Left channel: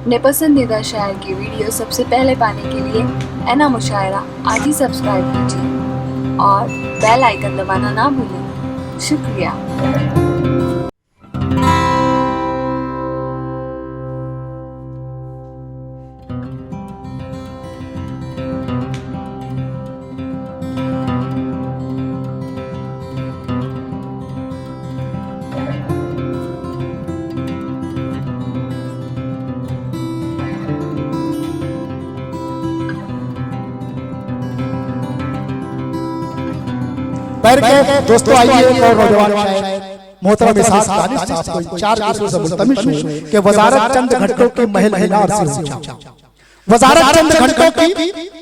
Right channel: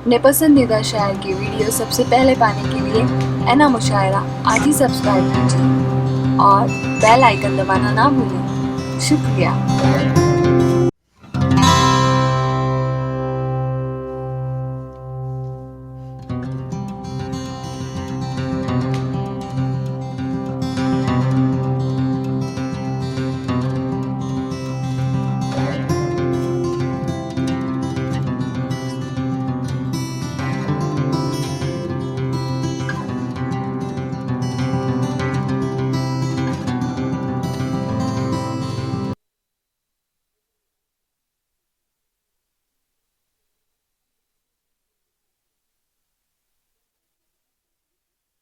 अपने पसंदीदा शायर की वीडियो सबसे पहले पाने के लिए एना मुशायरा आज ही सब्सक्राइब कीजिए और बेल आइकन दबाना ना भूलें। शुक्रिया। दोस्तों आइए एक और नौजवान शायर मोहतरम इसाक दानिश साहब को चार किस्मों से मुल्तमिस हूं कि वजारत चंद घंटों की महल मीनार से ऊंचा, वजारत चंद घंटों की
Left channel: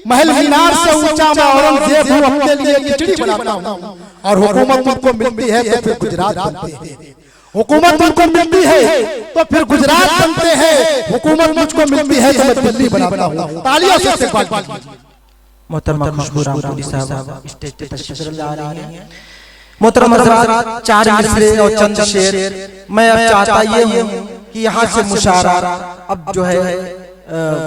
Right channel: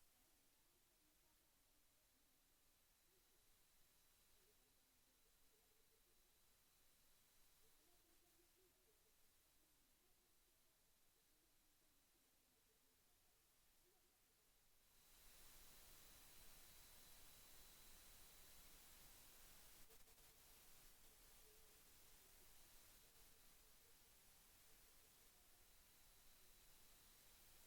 महल मीनार से ऊंचा मैं औरंगजेब हूं, अपने लिए खिचड़ी बनाता हूं और हुकूमत मुझको मिलती है तो फिर गुजरात बनते हैं। हुकूमत मुझको मिलती है तो फिर गुजरात बनते हैं, हुकूमत मुझको मिलती है तो मैं दिल्ली बनाता हूं। तालियों से इस्तकबाल कीजिए। मोहतरमा खुशबू रामपुरी साहब स्टेज पे तशरीफ ला रही हैं। मोहतरम हज़रात, चार मिसरे और चंद शेर मैं अब चाहता ये हूँ कि यहाँ से मुशायरा अब जो है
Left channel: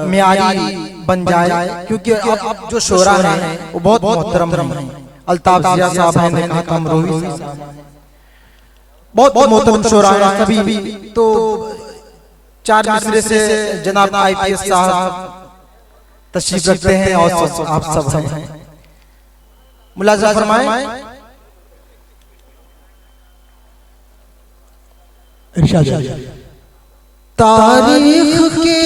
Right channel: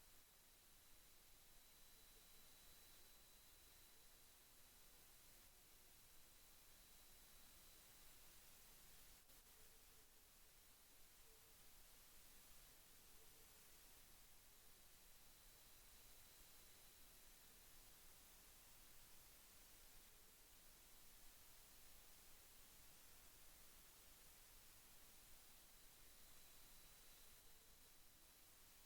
मियारी बन जाए, क्योंकि अब जो शोरा हैं वो बहुत मोहतरम हैं। अल्ताफ जिया साहब हैं, ने कहा हम रोही बहुत मोहतरम शोरा हैं सभी, तो चार मिसरे से जनाब IPS साहब तशरीफ रखते हैं और आप सब हैं, मुलाज़ा फरमाएं। तारीख के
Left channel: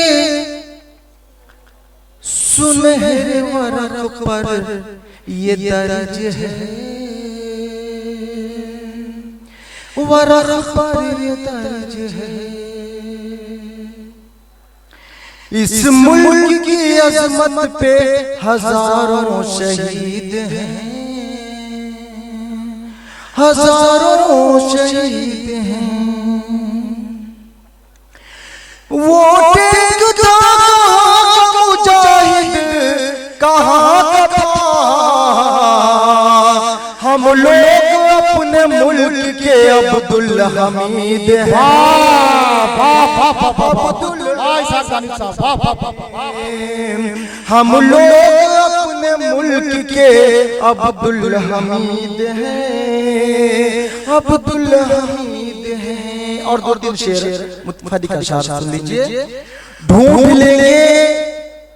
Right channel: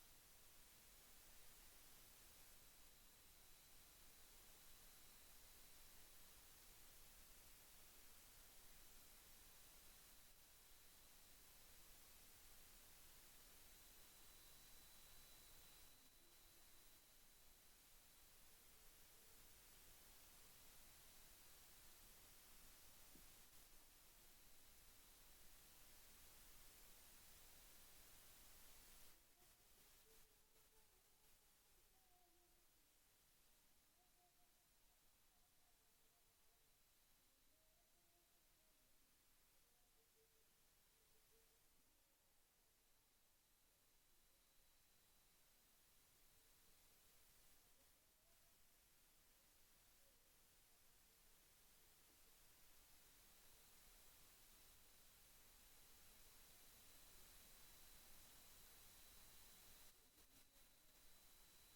सुनहरे वरक़ पर ये दर्ज है, वरक़ पर ये दर्ज है, इस मुल्क की अज़मत पे हजारों शहीद हैं, हजारों शहीद हैं। वोटिंग था मुजाहिद कहाँ का था, हम लोग अपने मुल्क के अब्दुल हमीद हैं। हम लोग अपने मुल्क के अब्दुल हमीद हैं, अब्दुल हमीद हैं। और दो तीन शेर मुत्फदी का शार सुन लीजिए। ढूंढ लेंगे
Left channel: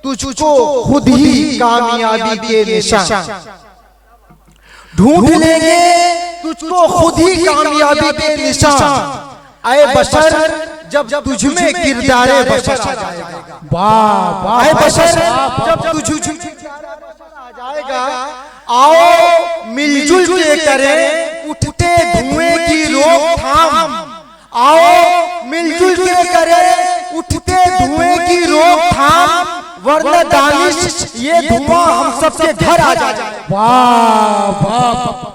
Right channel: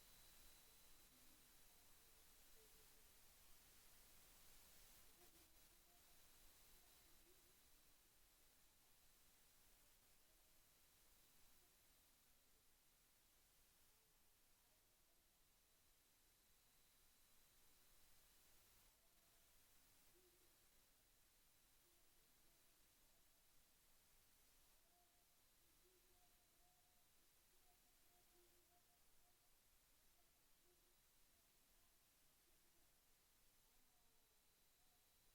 तुझको खुद ही कामयाबी के निशान, ढूंढ लेंगे तुझको खुद ही कामयाबी के निशान। आए बशर जब तुझ में किरदारे बशर आ जाएगा, वाह आए बशर जब तुझ में आ जाएगा। आओ मिलजुल के करें उठते धुएं की रोकथाम, आओ मिलजुल के करें उठते धुएं की रोकथाम, वरना दानिश ये धुआं हम सबके घर आ जाए। वाह वाह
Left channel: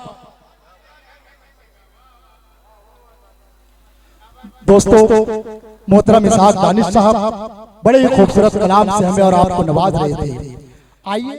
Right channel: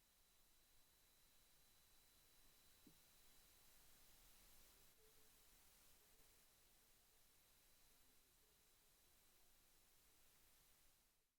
दोस्तों, मोहतरम इसाक दानिश साहब बड़े ही खूबसूरत कलाम से हमें और आपको नवाज रहे थे। आइए